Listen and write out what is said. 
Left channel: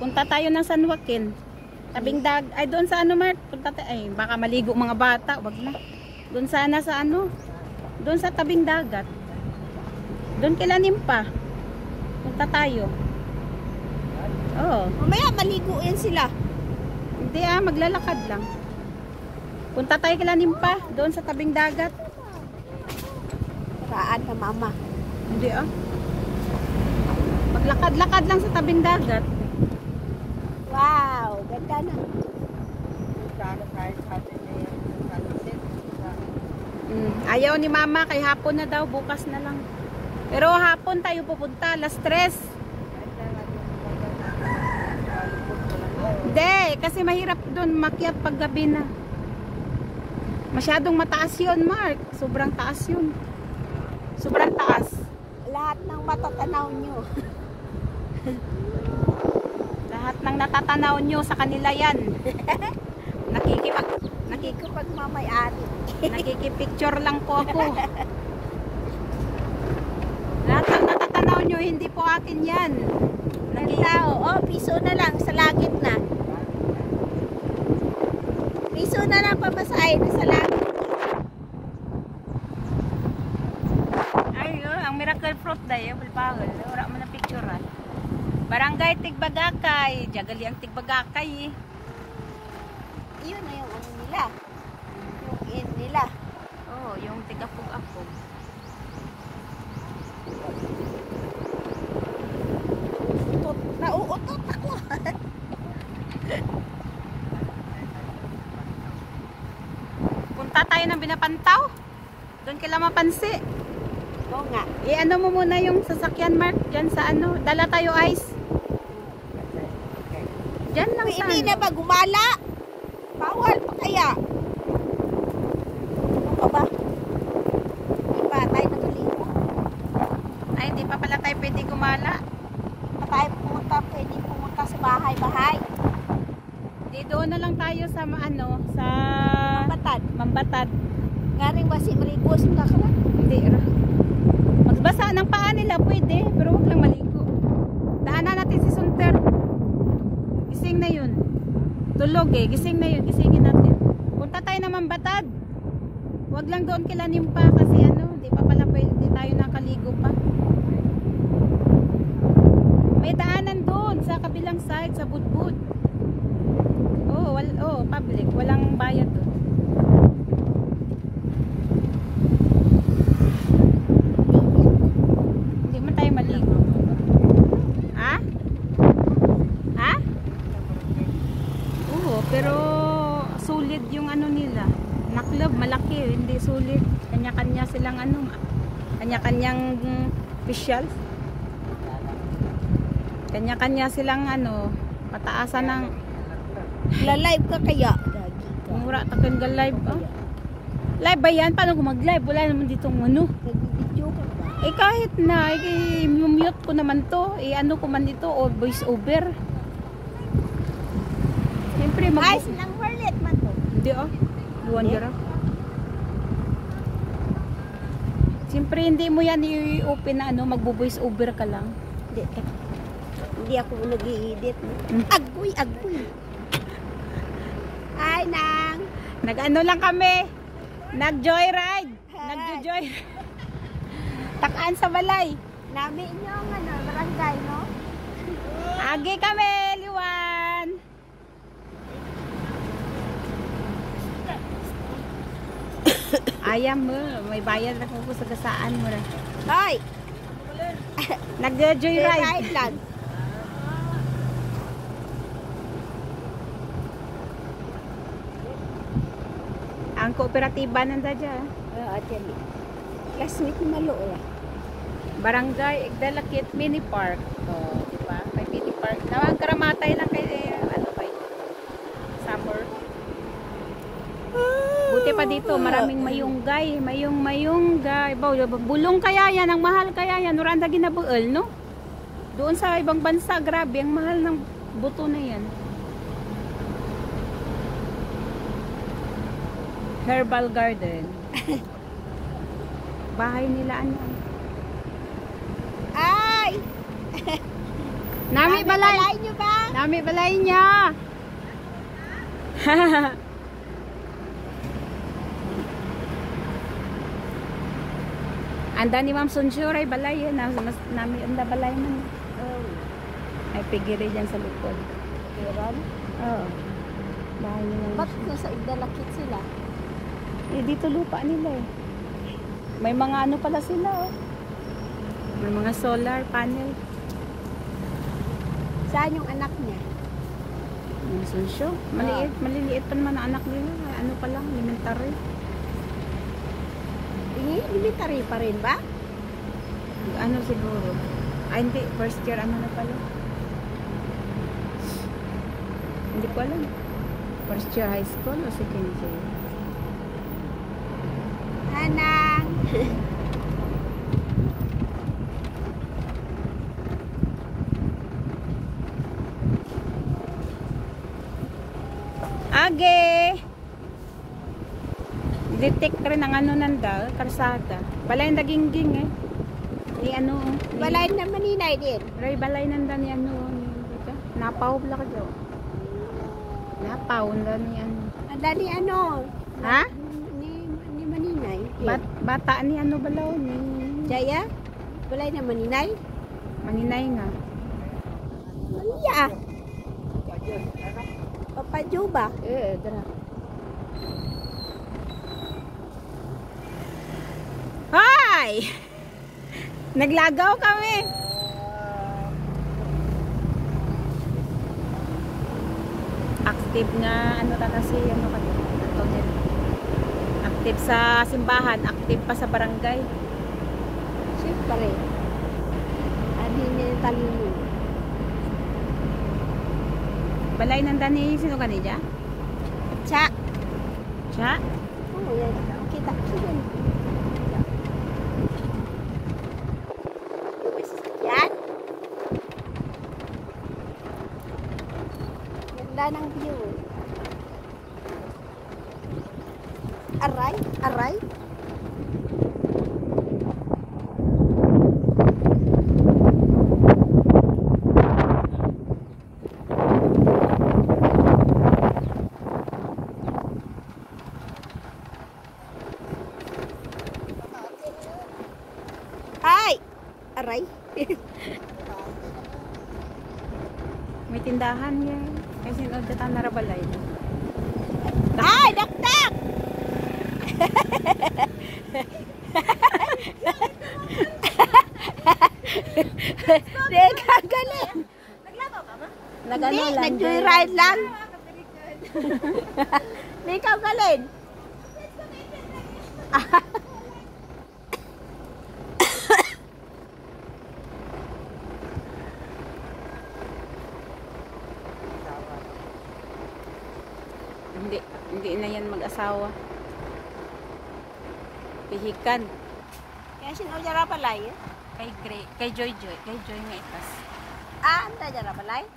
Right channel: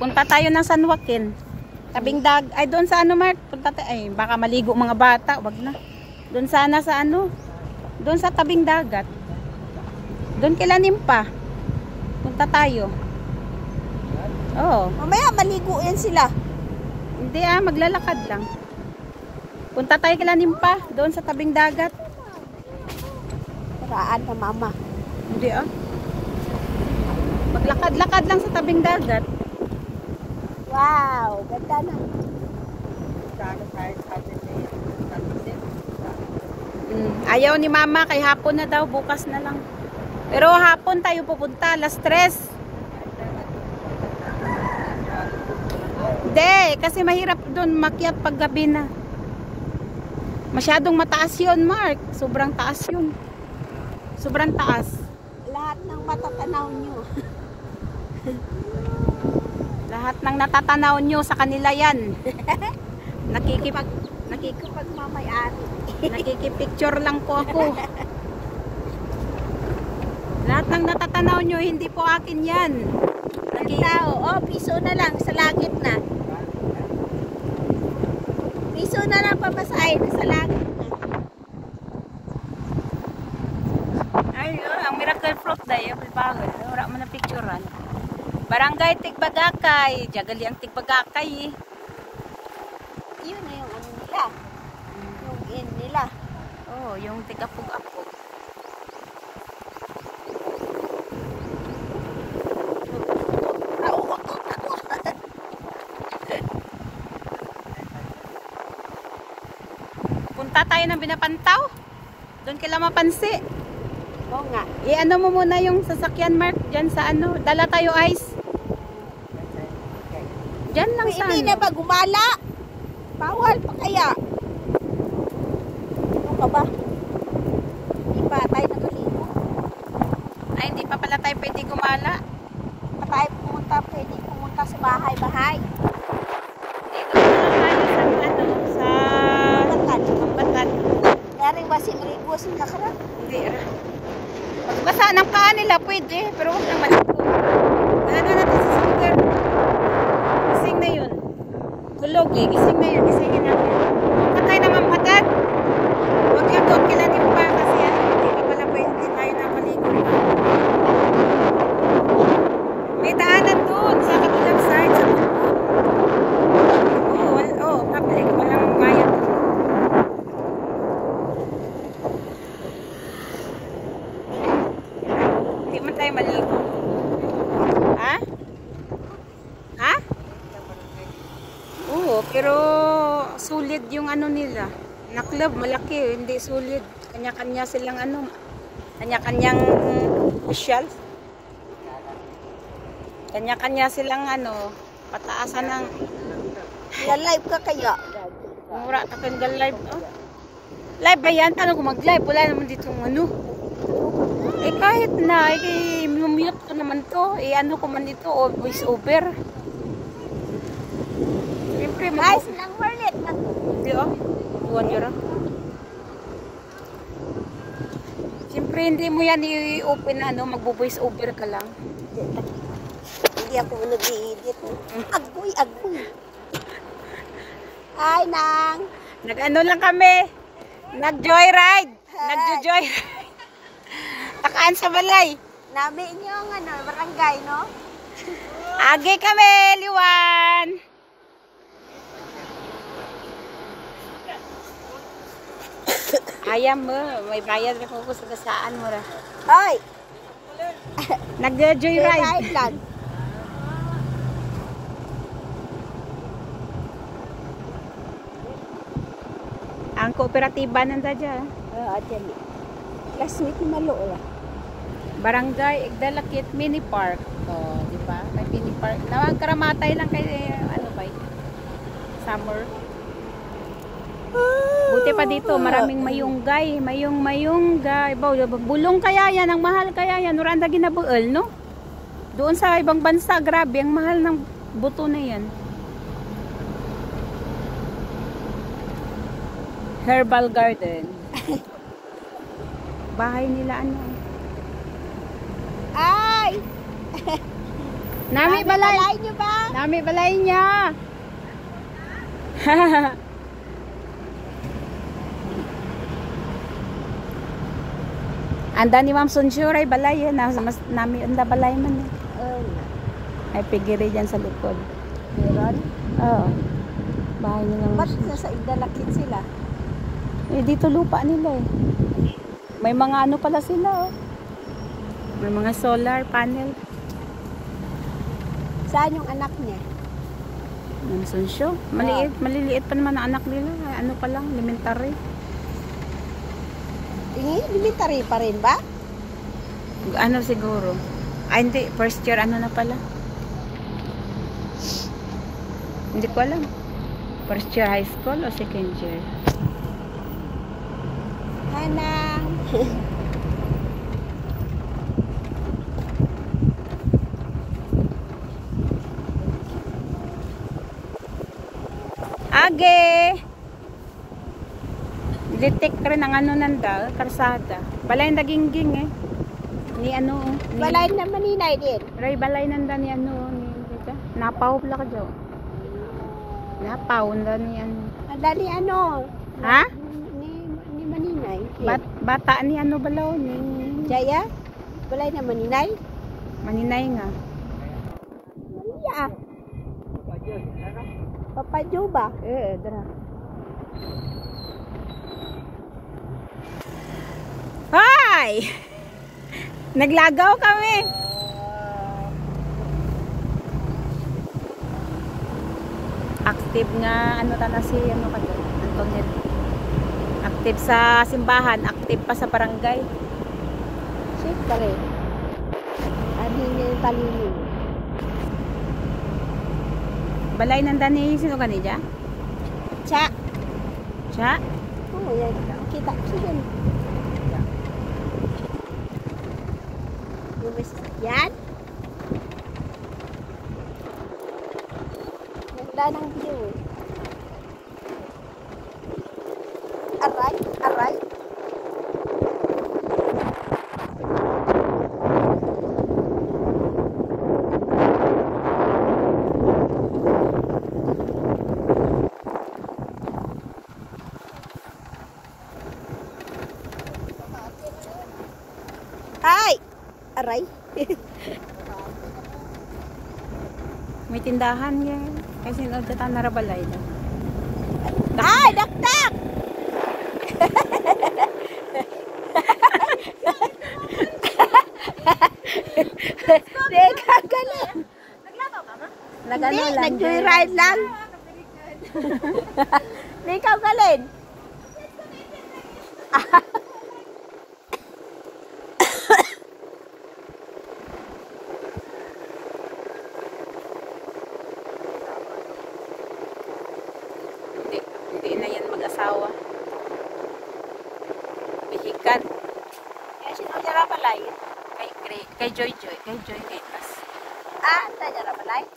Punta tayo ng San Joaquin. Tabing ay doon sa ano, Mart? Punta tayo. Ay, baka maligo mga bata. Wag na. Doon sana sa ano? Doon sa tabing dagat. Doon kila Nimpa. Punta tayo. Oo. Mamaya maligo yan sila. Hindi maglalakad lang. Punta tayo kila Nimpa. Doon sa tabing dagat. Paraan pa mama. Hindi maglakad-lakad lang sa tabing dagat. Wow, ganda na. Ayaw ni mama kay hapon na daw, bukas na lang. Pero hapon tayo pupunta, alas 3. Hindi, kasi mahirap doon makyat pag gabi na. Masyadong mataas yun, Mark. Sobrang taas yun. Sobrang taas. Lahat ng matatanaw nyo. Lahat ng natatanaw nyo sa kanila yan. Nakikipag mamay-ari. Nakikipicture lang po ako. Lahat ng natatanaw nyo, hindi po akin yan. Piso na lang sa langit na. Piso na lang pamasahin sa langit. Ay, ang miracle fruit day, bawal. Wala mo na picturean. Barangay Tigbagakay. Jagali ang Tigbagakay. Yun na yung ano nila. Yung in nila. Oh, yung tigapog-apog. Nauutot ako. Punta tayo ng Binapantaw. Doon kila Mapansi. Oo nga. Ano mo muna yung sasakyan, Mark? Diyan sa ano? Dala tayo ice. Diyan lang sa Hindi ano. na ba gumala? Bawal pa kaya? Ano ka ba? May patay na maligo. Ay, hindi pa pala tayo pwede gumala. Pwede pumunta sa bahay-bahay. Dito na lang tayo sa ano, sa Mambatan. Garing ba si Maricos nga ka ba? Hindi ra. Magbasa ng paa nila pwede, pero huwag lang maligo. Daanan natin sa center. Gising na yun. Tulog gising na yun. Gisingin natin. Punta tayo ng Mambatan. Huwag lang doon kila Nimpa kasi hindi pa pala pwede tayo nakaligo pa. May daanan doon sa kabilang side sa Bunbun. Public. Walang bayad. Hindi man tayo maligo. Ha? Ha? Oo, pero sulit yung ano nila. Na club, malaki. Hindi sulit. Kanya-kanya silang ano. Kanya-kanyang official. Kanya-kanya silang ano, pataasan ng La-live ka kaya? mura takin gal live. Live ba yan? Paano kung mag-live? Wala naman ditong ano. Kahit na, mute ko naman to. Ano ko man dito, o voice over. Siyempre, Guys, nang warnet man to. Hindi duwan yara. Siyempre, hindi mo yan i-open na ano, magbo-voice over ka lang. Hindi ako nag-i-edit. Agoy. Ay, nang. Nag-ano lang kami. Nag-joyride. Nag-joyride. Takaan sa balay. Nami nyo ang ano, barangay, no? Agi kami, Liwan. Ayam mo, may bayad na ko sa gasaan mo ra. Hoy! Nag-joyride. Joyride lang. Ang kooperatiba nanda dyan. Oo, dyan. Classmate ni Malo, Barangay Igdalakit Mini Park. So, di ba? May mini park. Nawang karamatay lang kay ano ba? Summer. Buti pa dito, maraming mayunggay. Mayunggay. Bulong kaya yan, ang mahal kaya yan. Nuranda ginabuel, no? Doon sa ibang bansa, grabe, ang mahal ng buto na yan. Herbal Garden. Bahay nila ano? Ay! Nami balay. Balay nyo ba? Nami balay niya. Anda ni Ma'am Sunshur ay balay yan. Nami anda balay man. Oo. Ay pigiri dyan sa likod. Meron? Oo. Bahay ni Ma'am. Ba't nasa idalakit sila? Eh, dito lupa nila eh. May mga ano pala sila oh. May mga solar panel. Saan yung anak niya? Ma'am Sunshur. Maliit. Maliliit pa naman ang anak nila. Ay, ano pa lang, elementary. Military pa rin ba? Ano siguro? Ay hindi, first year ano na pala. Hindi ko alam. First year high school o second year? Hanang! Age! Detect rin ang ano nanda, karsada. Balay nagingging eh. Ni ano, ni Balay na maninay din. Ray balay nanda ni ano, ni dito. Napaw pala ka daw. Napaw nanda ni ano. Dali ano? Ha? Ni maninay. Bata ni ano balaw ni Jaya? Balay na maninay? Maninay nga. Iya. Papa Jo ba? Dara. Hi! Naglagaw kami. Active nga ano tala si ano kayo? Antoinette. Active sa simbahan, active pa sa barangay. Shift ka rin. Adi niya yung talilin. Balay nanda ni sino kanija? Cha! Siya? Oo, yan. Kita ko siya. Yan. Ganda ng view. Aray, aray. Ay! Aray. May tindahan yan. Kasi nagdata narabalay na. Ay! Dakdak! Teka, galing. Naglabaw ka ma? Hindi, nag-ride lang. Hindi ikaw galing. Hindi na yan mag-asawa. Pihikan. Kaya sinodya ra palay. Kay Joy Netas. Ah, anta dyan ra palay.